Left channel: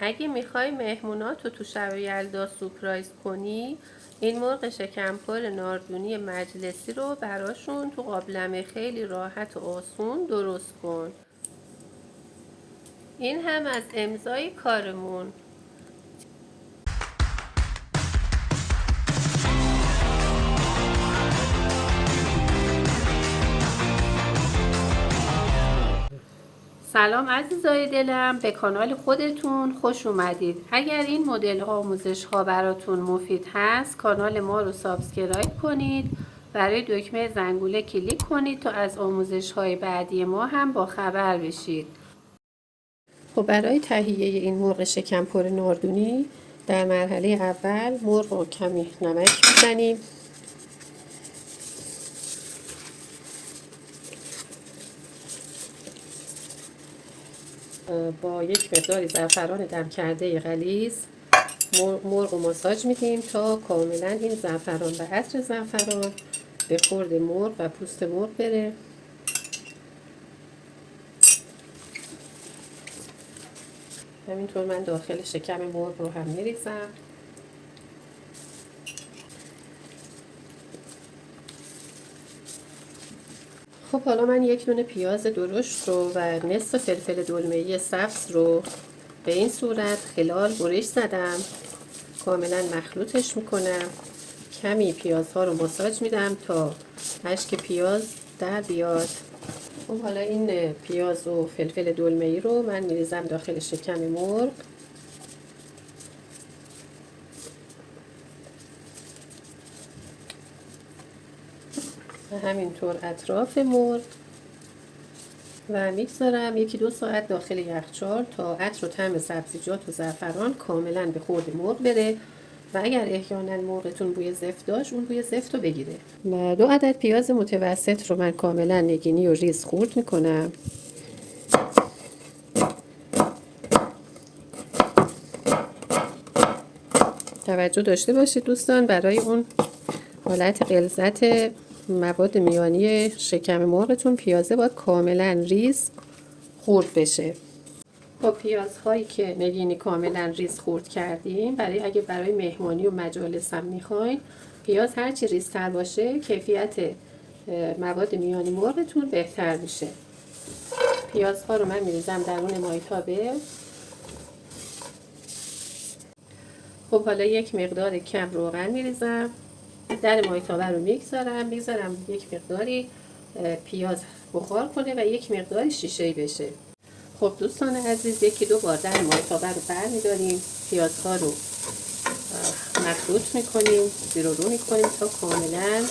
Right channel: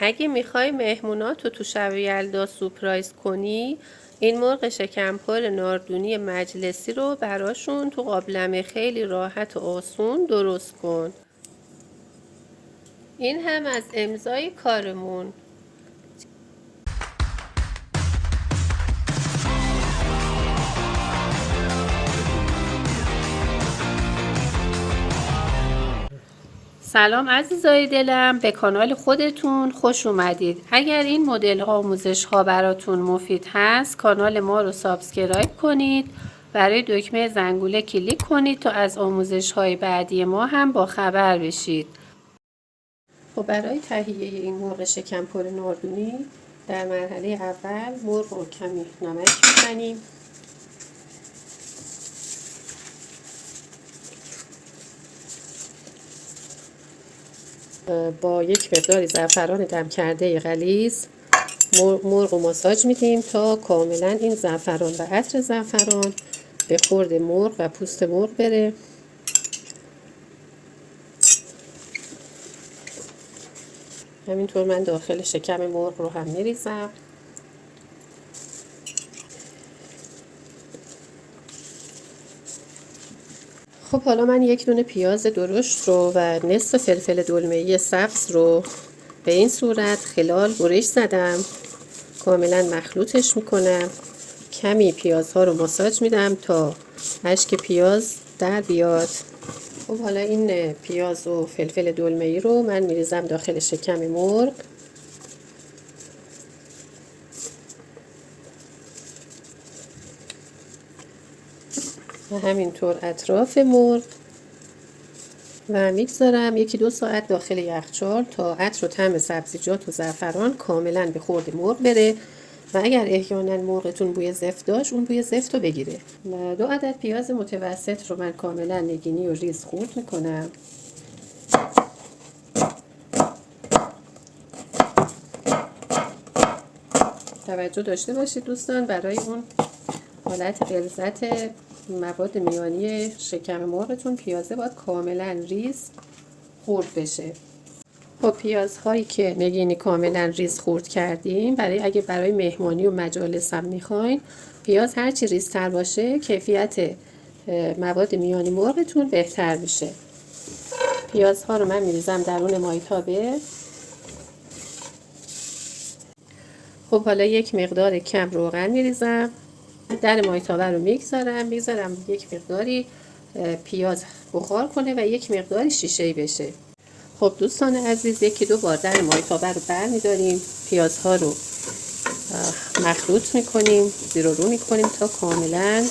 اگه میخوای مهموناتو تو شب یلدا سورپرایز کنی، این مرغ شکمپر ناردونی مجلسی رو براشون تو قابلمه خیلی راحت و آسون درست کن. این هم از امضای کارمون. سلام عزیزای دلم، به کانال خودتون خوش اومدید. اگر این مدل آموزش ها براتون مفید هست، کانال ما رو سابسکرایب کنید، برای دکمه زنگوله کلیک کنید تا از آموزش های بعدی ما هم با خبر بشید. خب برای تهیه این مرغ شکمپر ناردونی در مرحله اول مرغ رو کمی نمک میزنیم، با یک مقدار زعفران دم کرده غلیظ مرغ رو ماساژ میدیم تا کاملا این زعفران و عطر زعفران به خورد مرغ و پوست مرغ بره. همینطور من داخل شکم مرغ رو هم میریزم. خب حالا من یک دونه پیاز درشت رو و نصف فلفل دلمه‌ای سبز رو به این صورت خلال برش زدم، کاملا مخلوطش میکنم. کمی پیازها رو ماساژ میدم تا اشک پیاز در بیاد. خب حالا این پیاز و فلفل دلمه‌ای رو من میریزم داخل شکم مرغ و همینطور اطراف مرغ و میگذارم 1-2 ساعت داخل یخچال تا عطر و طعم سبزیجات و زعفران کاملا به خورد مرغ بره و اگر احیانا مرغتون بوی زفت داشت اون بوی زفت رو بگیره. و 2 عدد پیاز متوسط رو من کاملا نگینی و ریز خورد میکنم. توجه داشته باشید دوستان، برای اون حالت غلظت مواد میانی شکم مرغتون پیازه باید کاملا ریز خورد بشه. خب پیازهایی که نگینی کاملا ریز خورد کردیم، اگه برای مهمانی و مجالس هم میخواین، پیاز هرچی ریزتر باشه کیفیت مواد میانی مرغتون بهتر میشه. پیازها رو من میریزم درون مایتابه. خب حالا یک مقدار کم روغن میریزم در مایتابه رو میگذارم یک مقداری پیاز بخار کنه و یک مقداری شیشه‌ای بشه. خب دوستان عزیز، 1-2 بار در مایتابه رو برمی‌داریم، پیازها رو مخلوط میکنیم، زیر و رو میکنیم تا کاملا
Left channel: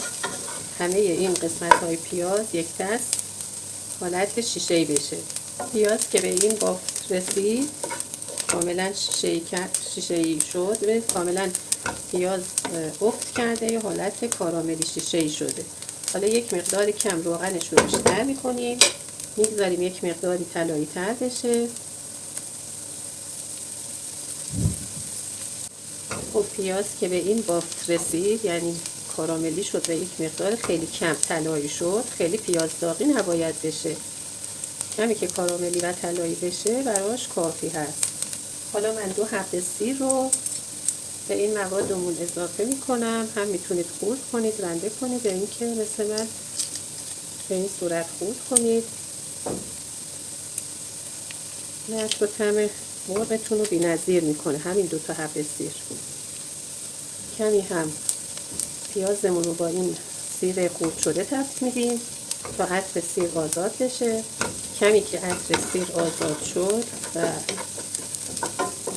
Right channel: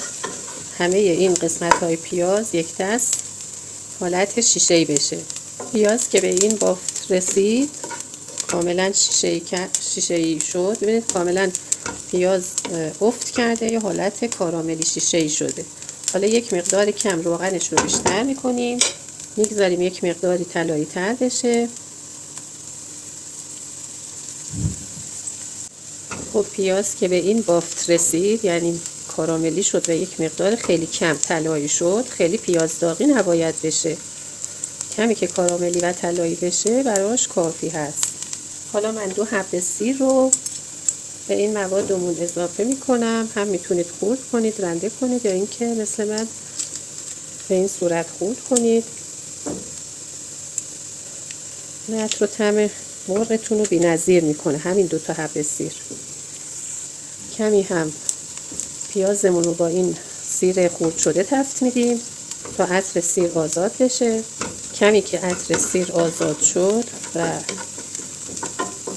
همه این قسمت های پیاز یک دست حالت شیشه‌ای بشه. پیاز که به این بافت رسید، کاملا شیشه‌ای شد، ببینید کاملا پیاز افت کرده، یه حالت کاراملی شیشه‌ای شده. حالا یک مقدار کم روغنش رو بیشتر میکنیم، میگذاریم یک مقداری طلایی تر بشه. خب پیاز که به این بافت رسید، یعنی کاراملی شد و یک مقدار خیلی کم طلایی شد، خیلی پیاز داغی نباید بشه، کمی که کاراملی و طلایی بشه براش کافی هست. حالا من 2 حبه سیر رو به این موادمون اضافه میکنم. هم میتونید خرد کنید، رنده کنید، یا اینکه مثل من به این صورت خرد کنید. عطر و طعم مرغتون رو بی‌نظیر میکنه همین 2 تا حبه سیر. کمی هم پیازمون رو با این سیر خرد شده تفت میدیم تا عطر سیر آزاد بشه. کمی که عطر سیر آزاد شد و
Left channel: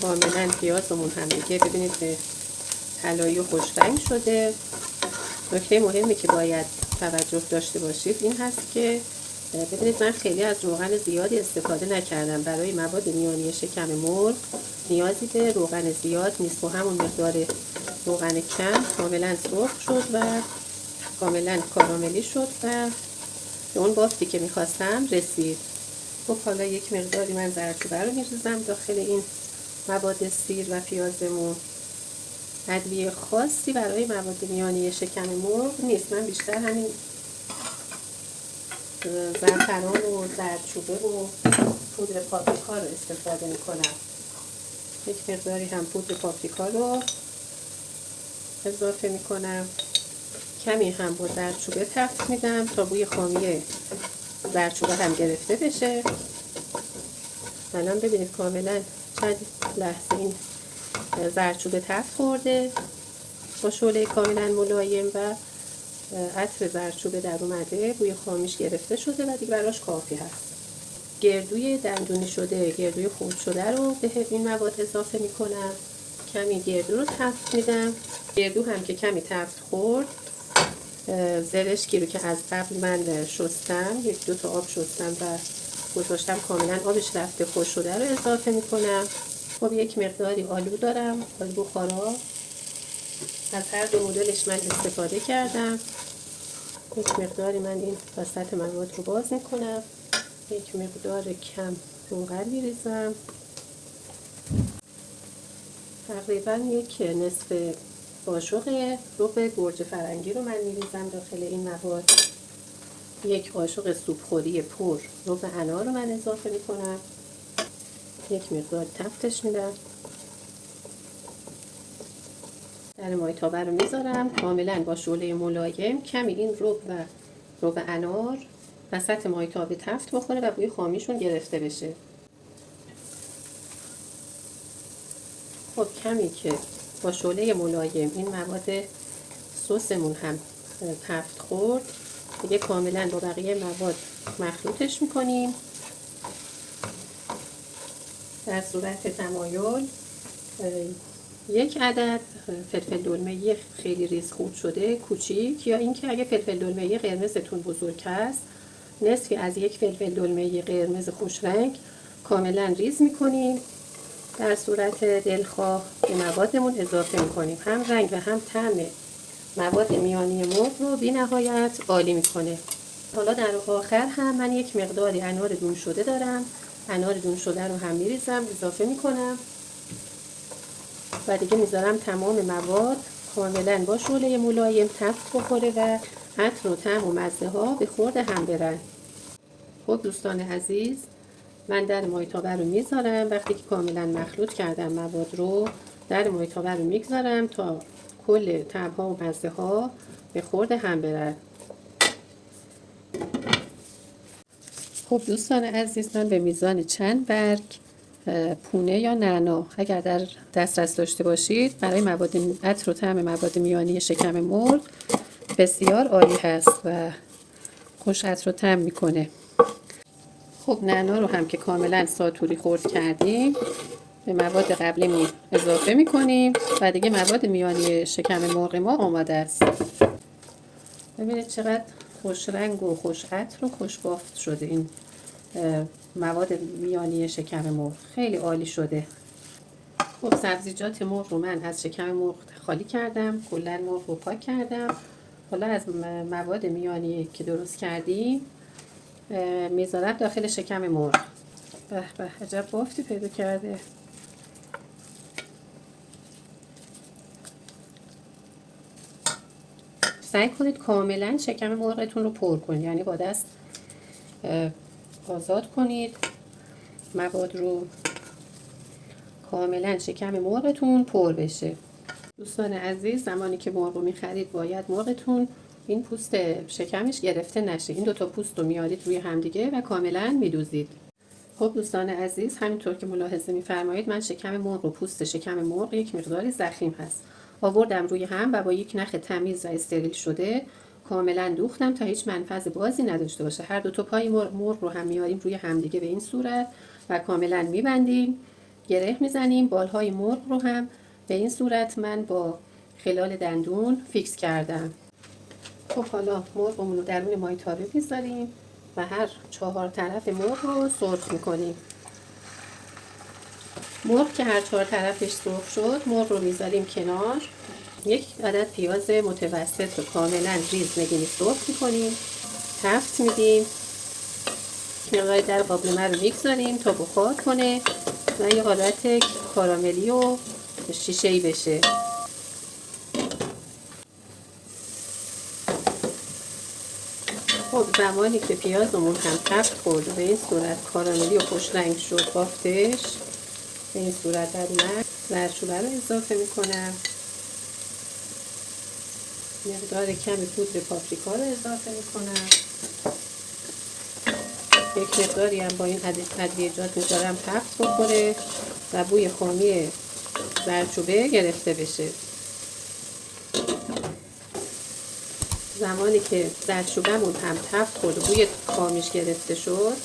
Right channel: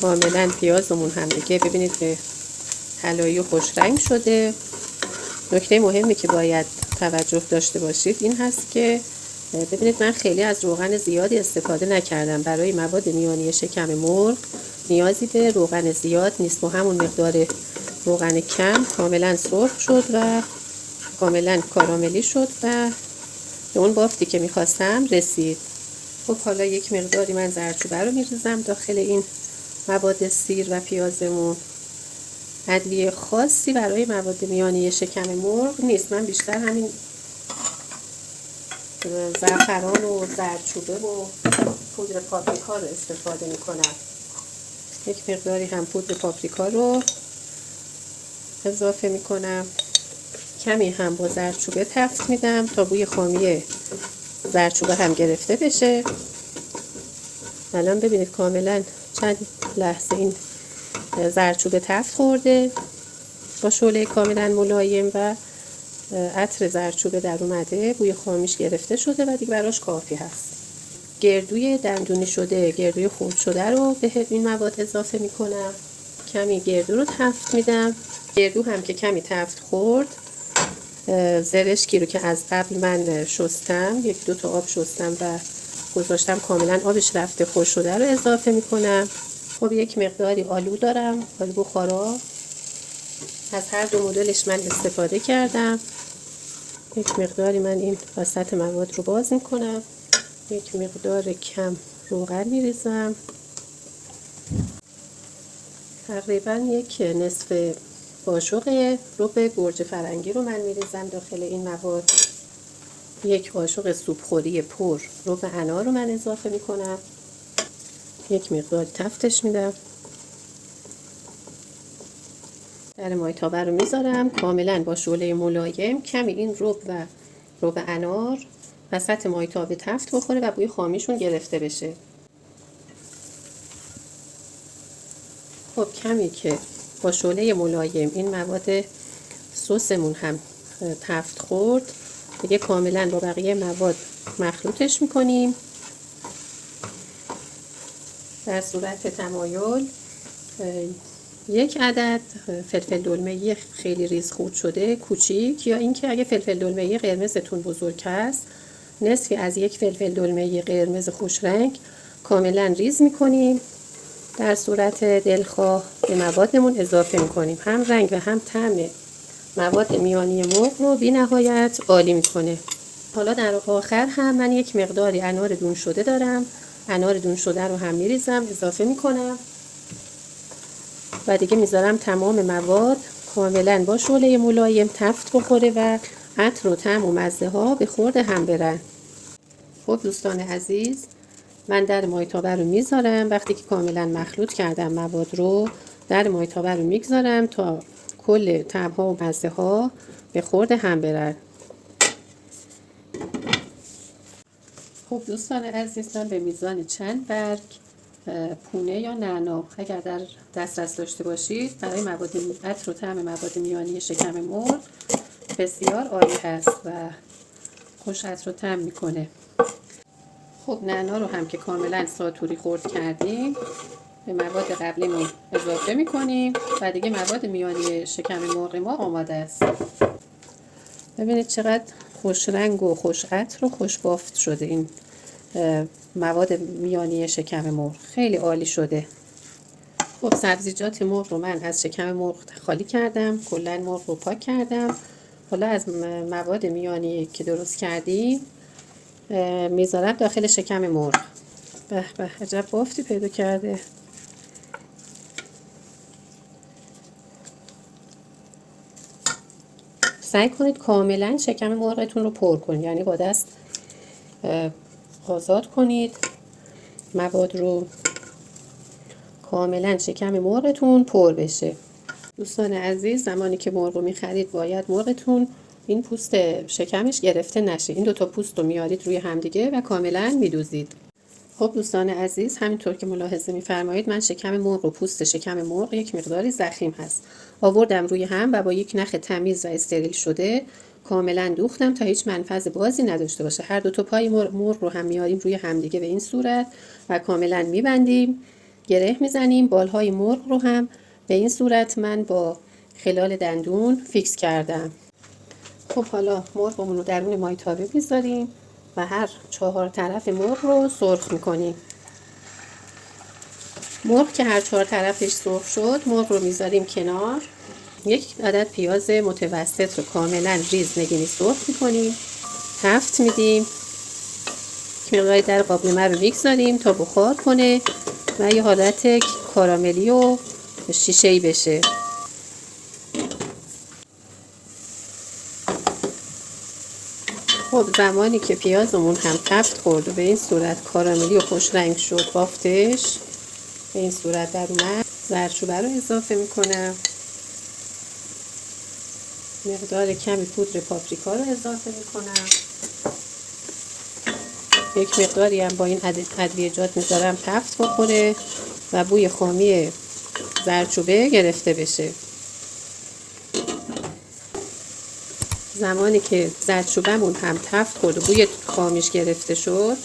کاملا پیازمون هم دیگه ببینید به طلایی و خوش رنگ شده. نکته مهمی که باید توجه داشته باشید این هست که ببینید من خیلی از روغن زیادی استفاده نکردم. برای مواد میانی شکم مرغ نیازی به روغن زیاد نیست و همون مقدار روغن کم کاملا سرخ شد و کاملا کاراملی شد و به اون بافتی که میخواستم رسید. خب حالا یک مقداری من زردچوبه رو میریزم داخل این مواد سیر و پیازمون. ادویه خاصی برای مواد میانی شکم مرغ نیست، من بیشتر همین زعفران و زردچوبه و پودر پاپریکا رو استفاده میکنم. یک مقداری هم پودر پاپریکا رو اضافه میکنم. کمی هم با زردچوبه تفت میدم تا بوی خامی زردچوبه هم گرفته بشه. الان ببینید کاملا چند لحظه این زردچوبه تفت خورده با شعله کاملا ملایم و عطر زردچوبه در اومده، بوی خامیش گرفته شده و دیگه براش کافی هست. گردوی دندونی شده، گردوی خرد شده رو به این مواد اضافه میکنم. کمی گردو رو تفت میدم. گردو هم که کمی تفت خورد، زرشکی رو که از قبل من شستم، 1-2 تا آب شستم و گذاشتم کاملا آبش رفته خوش شده رو اضافه میکنم. خب یک مقداری آلو دارم، آلو بخارا، از هر دو مدلش من استفاده کردم. یک مقداری من این وسط مواد رو باز میکنم. یک مقدار کم روغن میریزم، تقریبا یک نصف قاشق رب گوجه فرنگی رو من میریزم داخل این مواد. یک قاشق سوپخوری پر رب انار رو من اضافه میکنم. یک مقدار تفتش میدم. در مایتابه رو میذارم کاملا با شعله ملایم. کمی این رب انار وسط مایتابه تفت بخوره و بوی خامیشون گرفته بشه. خب کمی که با شعله ملایم این مواد سسمون هم تفت خورد، دیگه کاملا با بقیه مواد مخلوطش میکنیم. در صورت تمایل 1 عدد فلفل دلمه خیلی ریز خورد شده کوچیک، یا اینکه اگه فلفل دلمه قرمزتون بزرگ هست، نصفی از یک فلفل دلمه قرمز خوش رنگ کاملا ریز میکنیم. در صورت دلخواه به موادمون اضافه میکنیم. هم رنگ و هم طعم مواد میانی مرغ رو بی نهایت عالی میکنه. حالا در آخر هم من یک مقداری انار دون شده دارم. انار دون شده رو هم میریزم، اضافه میکنم و دیگه میذارم تمام مواد کاملا با شعله ملایم تفت بخوره و عطر و طعم و مزه ها به خورد هم برن. خب دوستان عزیز، من در مایتابه رو میذارم. وقتی که کاملا مخلوط کردم مواد رو، در مایتابه رو میگذارم تا کل طعم ها و مزه ها به خورد هم برن. خب دوستان عزیز، من به میزان چند برگ پونه یا نعنا اگر در دسترس داشته باشید برای مواد عطر و طعم مواد میانی شکم مرغ بسیار عالی هست و خوش عطر و طعم میکنه. خب نعنا رو هم که کاملا ساتوری خرد کردیم به مواد قبلیمون اضافه میکنیم و دیگه مواد میانی شکم مرغ ما آماده است. ببینید چقدر خوش رنگ و خوش عطر و خوش بافت شده این مواد میانی شکم مرغ، خیلی عالی شده. خب سبزیجات مرغ رو من از شکم مرغ خالی کردم، کلا مرغ رو پاک کردم. حالا از مواد میانی که درست کردیم میذارم داخل شکم مرغ. به به عجب بافتی پیدا کرده. سعی کنید کاملا شکم مرغتون رو پر کنید، یعنی با دست آزاد کنید مواد رو، کاملا شکم مرغتون پر بشه. دوستان عزیز، زمانی که مرغ رو میخرید باید مرغتون این پوست شکمش گرفته نشه. این دوتا پوست رو میارید روی همدیگه و کاملا میدوزید. خب دوستان عزیز، همینطور که ملاحظه میفرمایید من شکم مرغ و پوست شکم مرغ یک مقداری ضخیم هست، آوردم روی هم و با یک نخ تمیز و استریل شده کاملا دوختم تا هیچ منفذ بازی نداشته باشه. هر دو تا پای مرغ رو هم میاریم روی همدیگه به این صورت و کاملا میبندیم، گره میزنیم. بالهای مرغ رو هم به این صورت من با خلال دندون فیکس کردم. خب حالا مرغمون رو درون مایتابه میذاریم و هر 4 طرف مرغ رو سرخ میکنیم. مرغ که هر 4 طرفش سرخ شد، مرغ رو میذاریم کنار. یک عدد پیاز متوسط رو کاملا ریز نگینی سرخ میکنیم، تفت میدیم. مقداری در قابلمه رو میگذاریم تا بخار کنه و یه حالت کاراملی و شیشه‌ای بشه. خب زمانی که پیازمون هم تفت خورد و به این صورت کاراملی و خوش رنگ شد بافتش، به این صورت در اومد. زردچوبه رو اضافه میکنم. مقدار کمی پودر پاپریکا رو اضافه میکنم. یک مقداری هم با این ادویجات میذارم تفت بخوره و بوی خامی زردچوبه گرفته بشه. زمانی که زردچوبه‌مون هم تفت خورد و بوی خامیش گرفته شد،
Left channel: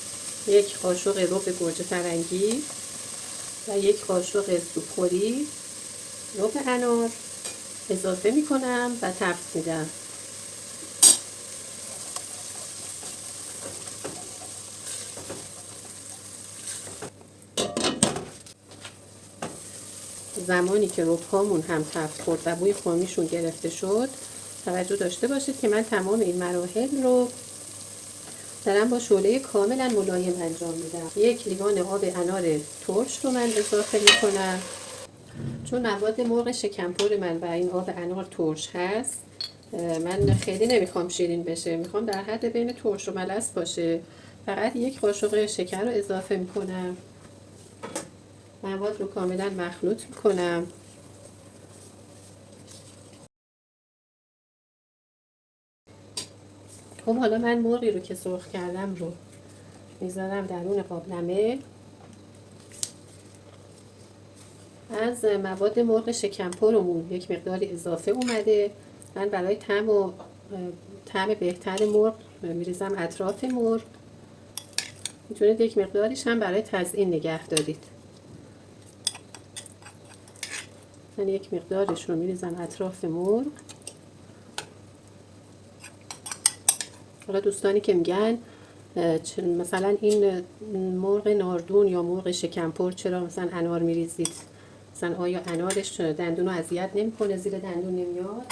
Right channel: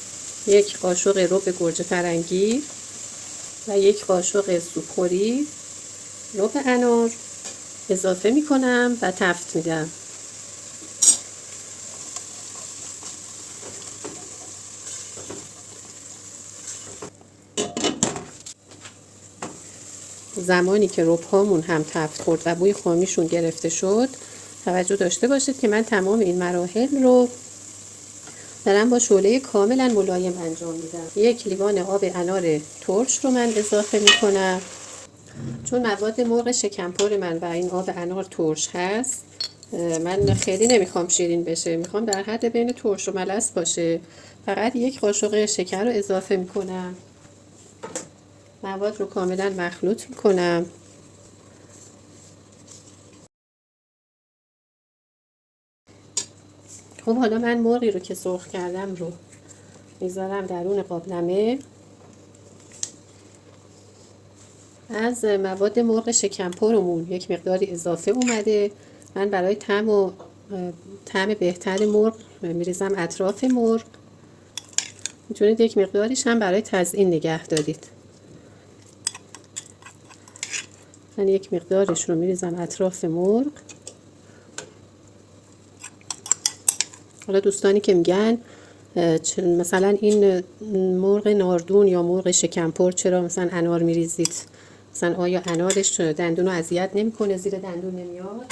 یک قاشق رب گوجه فرنگی و یک قاشق سوپخوری رب انار اضافه میکنم و تفت میدم. زمانی که رب‌هامون هم تفت خورد و بوی خامیشون گرفته شد، توجه داشته باشید که من تمام این مراحل رو دارم با شعله کاملا ملایم انجام میدم. یک لیوان آب انار ترش رو من اضافه میکنم. چون مواد مرغ شکمپر من و این آب انار ترش هست، من خیلی نمیخوام شیرین بشه، میخوام در حد بین ترش و ملس باشه. فقط یک قاشق شکر رو اضافه میکنم. مواد رو کاملا مخلوط میکنم. خب حالا من مرغی رو که سرخ کردم رو میذارم درون قابلمه. از مواد مرغ شکمپرمون یک مقداری اضافه اومده. من برای طعم بهتر مرغ میریزم اطراف مرغ. میتونید یک مقداریش هم برای تزیین نگه دارید. من یک مقدارش رو میریزم اطراف مرغ. حالا دوستانی که میگن مثلا این مرغ ناردون یا مرغ شکمپر چرا مثلا انار میریزید، مثلا آیا انارش دندون رو اذیت نمیکنه، زیر دندون نمیاد؟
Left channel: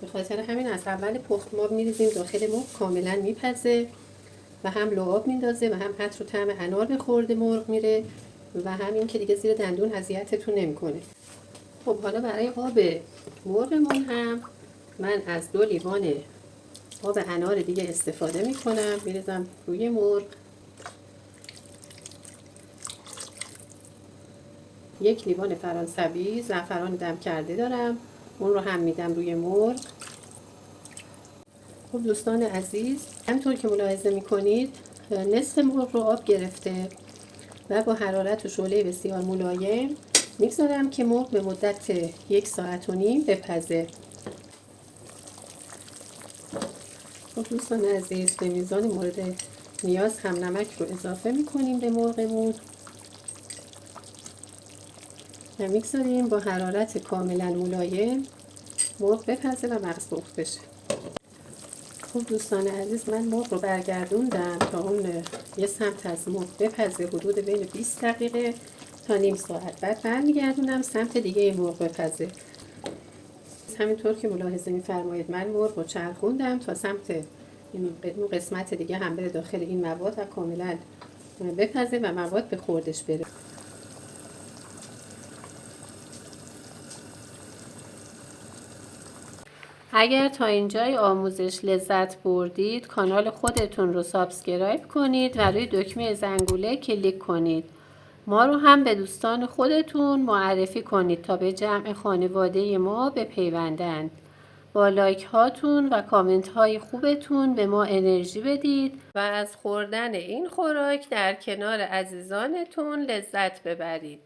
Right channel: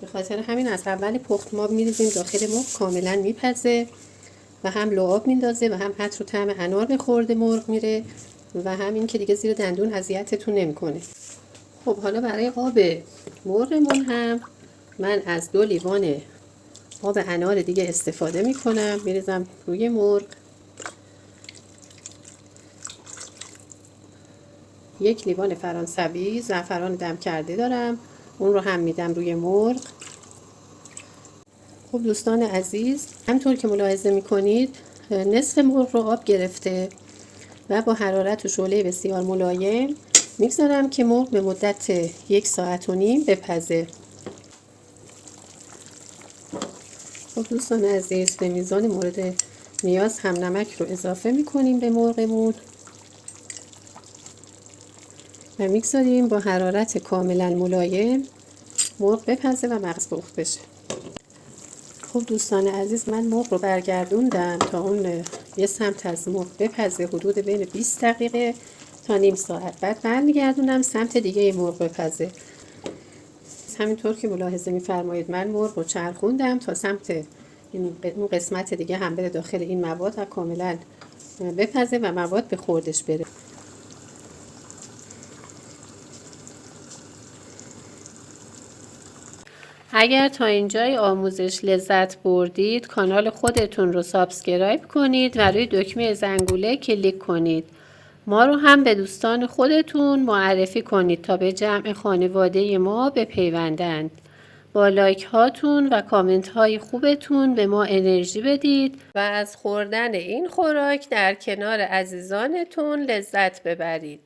به خاطر همین از اول پخت ما میریزیم داخل مرغ، کاملا میپزه و هم لعاب میندازه و هم عطر و طعم انار به خورد مرغ میره و همین که دیگه زیر دندون اذیتتون نمیکنه. خب حالا برای آب مرغمون هم من از 2 لیوان آب انار دیگه استفاده میکنم، میریزم روی مرغ. 1 لیوان فرانسوی زعفران دم کرده دارم، اون رو هم میدم روی مرغ. خب دوستان عزیز، همونطور که ملاحظه میکنید نصف مرغ رو آب گرفته و با حرارت و شعله بسیار ملایم میگذارم که مرغ به مدت 1.5 ساعت بپزه. خب دوستان عزیز، به میزان مورد نیاز هم نمک رو اضافه میکنیم به مرغمون و میگذاریم با حرارت کاملا ملایم مرغ بپزه و مغز پخت بشه. خب دوستان عزیز، من مرغ رو برگردوندم تا اون یه سمت از مرغ بپزه، حدود بین 20 دقیقه تا نیم ساعت. بعد برمیگردونم سمت دیگه مرغ بپزه. همینطور که ملاحظه میفرمایید من مرغ رو چرخوندم تا سمت اون قسمت دیگه هم بره داخل این مواد و کاملا بپزه و مواد به خوردش بره. اگر تا اینجای آموزش لذت بردید، کانال خودتون رو سابسکرایب کنید و روی دکمه زنگوله کلیک کنید. ما رو هم به دوستان خودتون معرفی کنید تا به جمع خانواده ما بپیوندند. با لایک هاتون و کامنت های خوبتون به ما انرژی بدید و از خوردن این خوراک در کنار عزیزانتون لذت ببرید.